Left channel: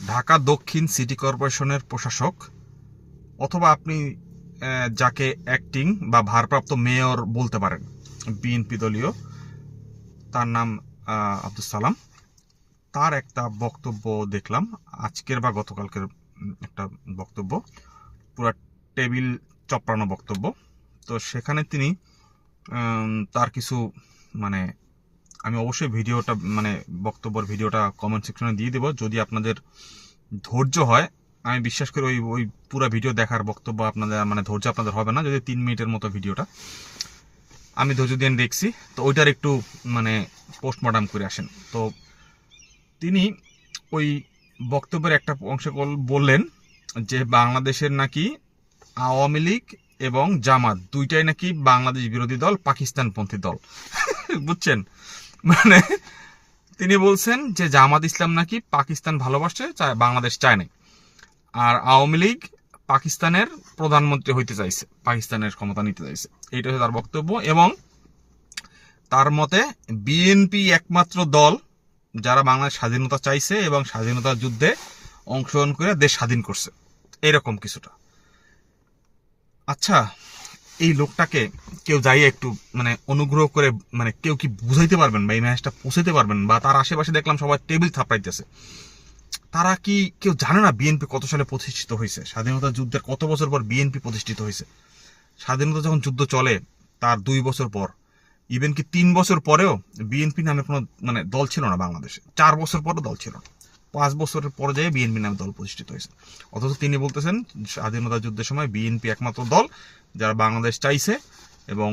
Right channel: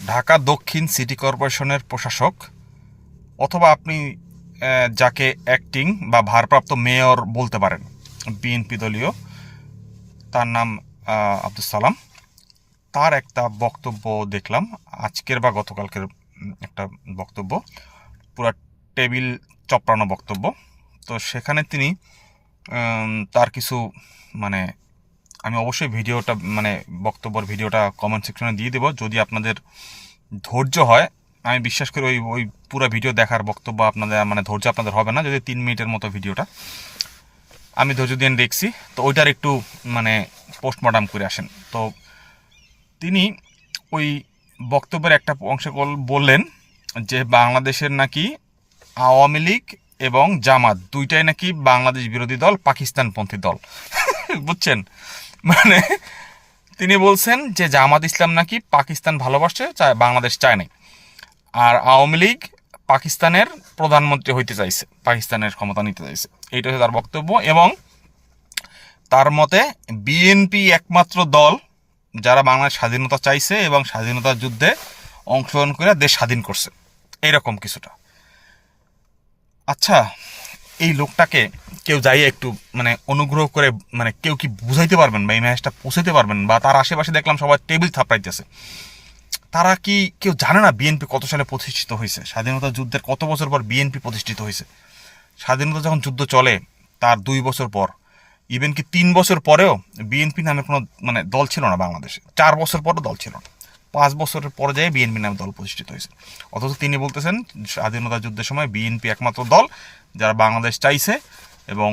ঢাকা দক্ষিণ সিটি কর্পোরেশনের প্রশাসক, অথবা আপনি যাকে অ্যাক্টিং বা ভারপ্রাপ্ত মেয়র বলতে পারেন, বিএনপি দলীয়, তার নাম আব্দুল সালাম। তার একটা বক্তব্য দেখলাম আজকের বা গতকালকের, একটা বক্তব্য, পুরো টেবিল চপড়ানো বক্তব্য। তো সেখানে তিনি তার কিছু মানে, আমি অবশ্যই ভিডিওটা মানে বক্তব্যের ভিডিওটা কমেন্ট সেকশনে দিয়ে দেবো, যদি আপনাদের ধৈর্য হয়। আমি বিশ্বাস করি ওই ওই পুরো ভিডিও দেখার বক্তব্য আপনাদের মানে ধৈর্য আপনাদের হবে না, যদি 3 মিনিটের মতো ভিডিওটা আমি ধৈর্য দিয়ে দেখছি, তো ওইটার একটু মানে পোস্টমর্টম করে আসেন। তো তিনি ওই বক্তব্যের একটা অংশে বললেন যে বাংলাদেশের নাকি আওয়ামী লীগ এবং জামাত দুইটাই নাকি বাংলাদেশ বিরোধী দল, পাকিস্তানপন্থী দল। বুঝছেন? মানে তিনি বলছেন যে জামাত ইসলাম নাকি পাকিস্তান ভালোবাসে, বাংলাদেশ চায় নাই, আর আওয়ামী লীগ পাকিস্তানের প্রধানমন্ত্রী হইতে চাইছে, পাকিস্তানের ক্ষমতা নিতে চাইছে। এইটা হচ্ছে তার বক্তব্য। এবং তার মতে বিএনপি একমাত্র দল যারা বাংলার স্বাধীনতা চাইছে এবং স্বাধীনতার যুদ্ধে অংশগ্রহণ করে দেশ স্বাধীন করছে, এরকম কিছুটা। আচ্ছা, এই লোকটাকে কেউ যাই একটু মানে অনুগ্রহ করে মানে কেউ কি বুঝাইতে পারবেন বা এই ম্যাচটা পৌঁছাতে পারবেন? বা তার আশেপাশে দেখলাম সবাই টেবিল থাপড়াইতেছে, তারা কি কেউ জানে না বিএনপি কত সালে প্রতিষ্ঠিত হয়েছে? স্বাধীনতা যুদ্ধের কত বছর পর বিএনপি প্রতিষ্ঠিত হয়েছে? স্বাধীনতা যখন যুদ্ধ চলে তার 2 বছর পর, ইভেন কি 3 বছর পরেও বিএনপি নামে কোনো মানে দল ছিল না বাংলাদেশে। 4 বছর পরও দল ছিল না। 5 বছরের পর্যায়ে বিএনপি নামে দল প্রতিষ্ঠিত হয়েছে। অথচ তিনি বলতেছেন স্বাধীনতা যুদ্ধের সময় বিএনপি একমাত্র দল যারা বাংলাদেশ চাইছে এবং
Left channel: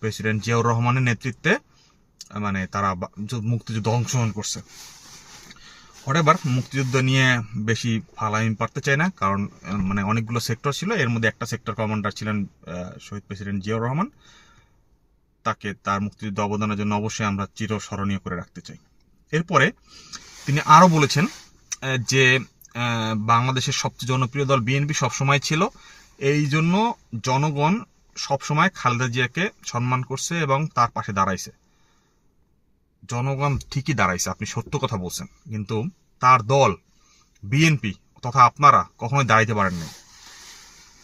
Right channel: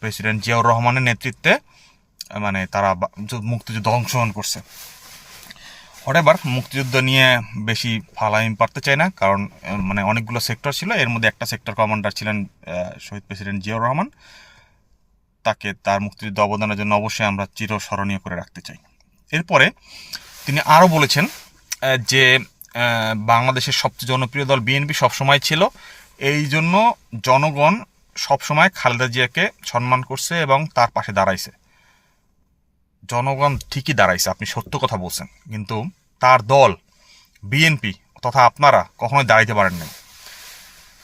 প্রেসিডেন্ট জিয়াউর রহমানের নেতৃত্বে মানে তারা মুক্তিযুদ্ধ অংশগ্রহণ করছে। হোয়াটএভার, মুক্তিযুদ্ধ নিয়ে বেশি ফালাই পারতে চাই না, কারণ মানে অনেকগুলো সেক্টর ছিল, এর মধ্যে একটা সেক্টর কমান্ডার ছিলেন শহীদ প্রেসিডেন্ট জিয়াউর রহমান। তাকে তার মুক্তিযুদ্ধ অবদানের জন্য অবশ্যই আমরা চিরস্মরণীয় করে রাখতে চাই। এরপরে তিনি আরও বলেছেন যে বাংলাদেশের সবচেয়ে জনপ্রিয় দল বিএনপি সবসময় ছিল, এই জন্য জনগণ সবসময় খালেদা জিয়াকে সম্মান করছে এবং তার পাশে দাঁড়াইছে। জনগণ ঠিকই দাঁড়াইছে, আপনি সত্য কথা বলছেন, কিন্তু তার দল বিএনপি তথা আপনারা কখনোই দাঁড়াইতে পারেন নাই।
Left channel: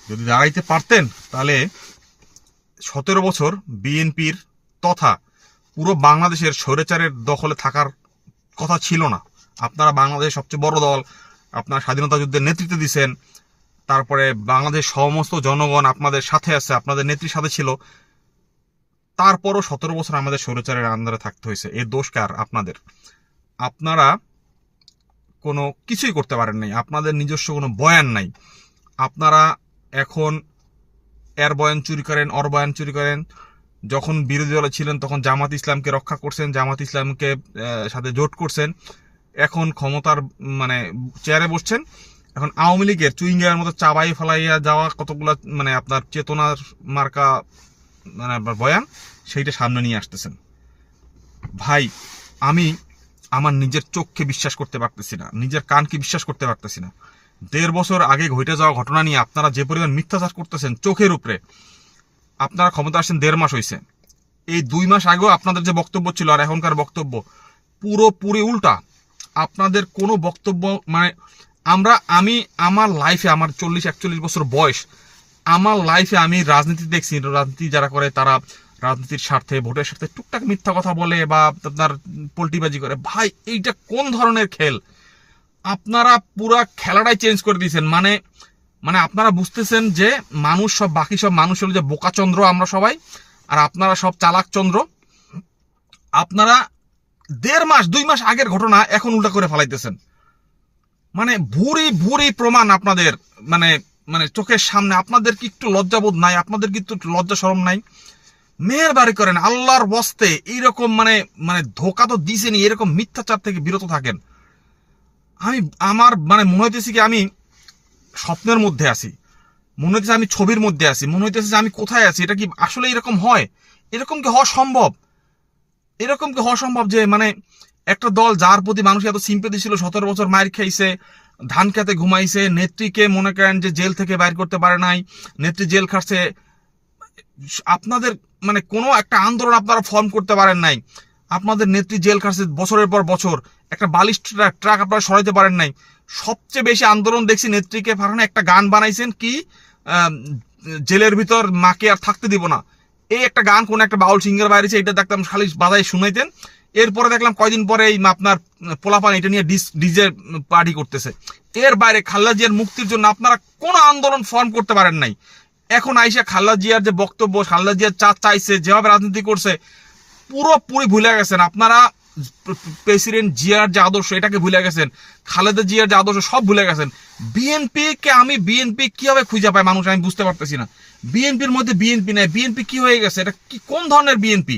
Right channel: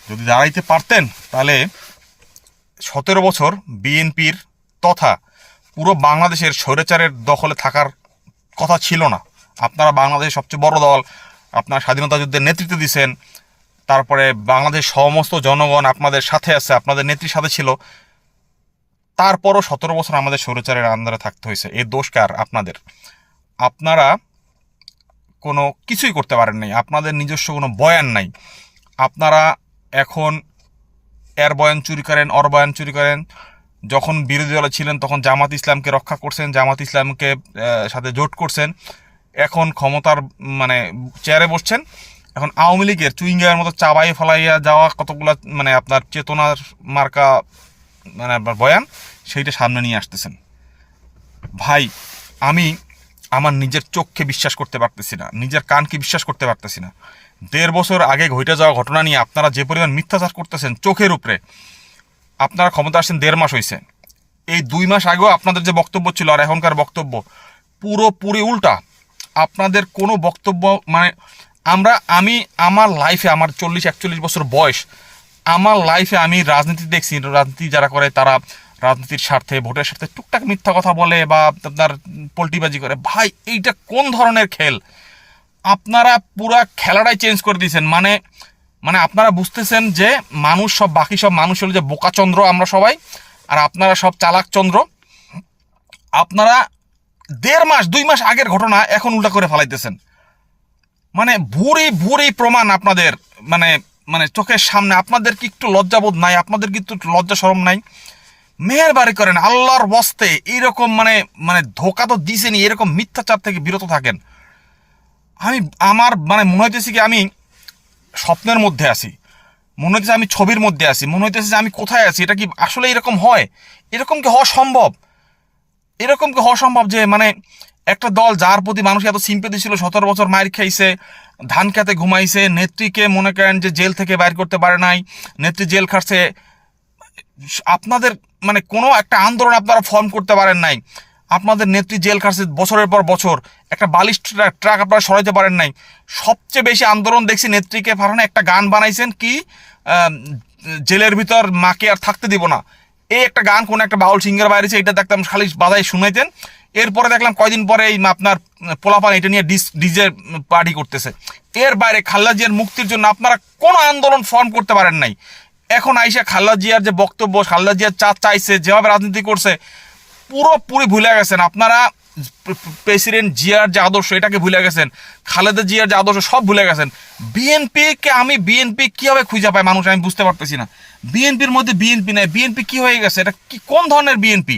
যদি দাঁড়াইতে পারতেন তাহলে 17 বছর বিএনপির তথা পুরো বাংলাদেশের স্বৈরাচারের দখলে থাকার কথা ছিল না। আপনারা বাংলাদেশের সবচেয়ে বড় দল, আপনার স্বাধীনতা যুদ্ধের নেতৃত্ব দিয়েছেন, তারপরে বাংলাদেশের সমস্ত জনগণ আপনাদের সাথে আছে, আপনাদের নেত্রীর সাথে ছিল, তারপরও 17 বছর আমাদের স্বৈরাচারের আন্ডারে থাকতে হয়েছে। এর দোষ কার? আপনাদের। আপনারা কোনো কিছুই করতে পারেন নাই, আপনাদের নিজস্ব কোনো বয়ান নাই। আপনারা এখন এর বয়ান চুরি করেন, অর বয়ান চুরি করেন। যখন বিরোধী দলে ছিলেন তখন জামাত ইসলামকে রক্ষা করছেন, জামাত ইসলামকে সাথে জোট করছেন। এখন ক্ষমতার মানে চেয়ারে বসছেন, এখন আওয়ামী লীগের চুইংগায়ের মতো চাবাই ফেলাইয়া যাওয়া কতগুলো মানে আপনার চেতনার মার্কা মানে আপনার বয়ান, সেইটা সামনে নিয়ে আসতেছেন। ভাই, আমি আমার নিজের চোখকে বিশ্বাস করতে পারতেছি না, নিজের কানকে বিশ্বাস করতে পারতেছি না। 1.5 বছর আগে ঘটে যাওয়া ঘটনা নিয়ে আপনারা যে পরিমাণ মিথ্যাচার করতেছেন চোখের উপরে। আপনারা ক্ষমতা আসছেন 1.5 মাস হয়েছে, এই 2 মাস আগেও আপনাদের যে বক্তব্য ছিল আর এখনকার বক্তব্য পুরোপুরি উল্টা। আপনাদের কোনো বক্তব্য মানে আমি আমার লাইফে, আমার 40-41 বছর বয়স, আমার লাইফে আমি রাজনীতি দেখছি, রাজনীতি যারা করে তারা রাজনীতির স্বার্থে, ভোটের স্বার্থে টুকটাক মিথ্যা কথা বলে বা আপনার পোল্টিবাজি করে। ভাই, এইটা কোন ধরনের খেল? আপনারা পুরা খেলাটাই চেঞ্জ করে দিয়েছেন। মানে মানে আপনারা বুঝতেছেন যে মানুষ সব, বাকি সব মানুষ হলো যে বোকাচন্দ্র আমরা সবাই, আর আপনারা সব চালাকচন্দ্র। আপনারা 1.5 মাস 2 মাস আগের ঘটনা এখন উল্টা করে ফেলাইতেছেন। মানে ভুরি ভুরি প্রমাণ আপনাদের মানে মানে চোখের সামনে। আপনাদের কি একটু লজ্জাবোধ নাই? আপনাদের কি একটু লজ্জা শরম নাই? মেহেরবাড়ি করেন আল্লাহর বস্তে, এইরকম মানে মানে ধোকা তো দিছেনি, এরকম মিথ্যাচার থেকে বিরত থাকেন। আমার মানে মনে হইতেছে কি আমি স্বপ্নের মধ্যে আছি, মনে হইতেছে আমি ছবির মধ্যে আছি, মনে হইতেছে যে আমি কোথায় আছি। এটা কি আসলে এরকম হয়? এরকম কি হওয়া সম্ভব? এরকম কি হওয়া সম্ভব যে মানে একটা দল যার প্রতি মানুষ এত সিম্পেথি ছিল, 17 বছর মায়ের খাইছে, ধান খেতে ঘুমাইছে, নেত্রীকে মনে করেন যে জেল থেকে বাইর করতে পারে নাই, নেত্রী জেল খাটছে, আপনাদের মানে কোনো একটা আন্দোলন আপনারা ফর্ম করতে পারেন নাই, আপনাদের নেত্রী জেল খাটছে বছরের পর বছর, একটা বালিশ ট্রাক আপনারা সরাইতে পারেন নাই। সবচেয়ে বেশি আন্দোলন দেখছি নেত্রীকে ফারানে একটা গান বানাইছেন কি, জেলের ভিতর মাকে আর থাকতে দিব না, এই একটা গান কোন একটা বাউল সিঙ্গার বাইরেছে, এটা দেখতাম খালি বাজায় শুনাইতেন। এরপরে দেখলাম কয়দিন পরে এই আপনার পোলাপান এটা নিয়ে ডিজে পার্টি করতেছে। এর বাইরে খালেদা জিয়ার মুক্তির জন্য আপনারা কোনো আন্দোলন ফর্ম করতে পারেন নাই। এখন আইসা খালেদা জিয়ার যে বক্তব্য, খালেদা জিয়ার চাইছে, যেভাবে রাজনীতি করছে, পুরোপুরি ভুলে গেছেন আপনারা। প্রেসিডেন্ট জিয়ার যে আদর্শ এটাকে ভুলে গেছেন, খালেদা জিয়ার যে আদর্শ সব ভুলে গেছেন। বিএনপি কিভাবে খুঁজে পায় মানুষ আমি বুঝতে পারতেছি না। বিএনপির মধ্যে বিএনপি নাই, বিএনপি কি হয়ে গেছে, এটা কি কোন ধরনের বিএনপি?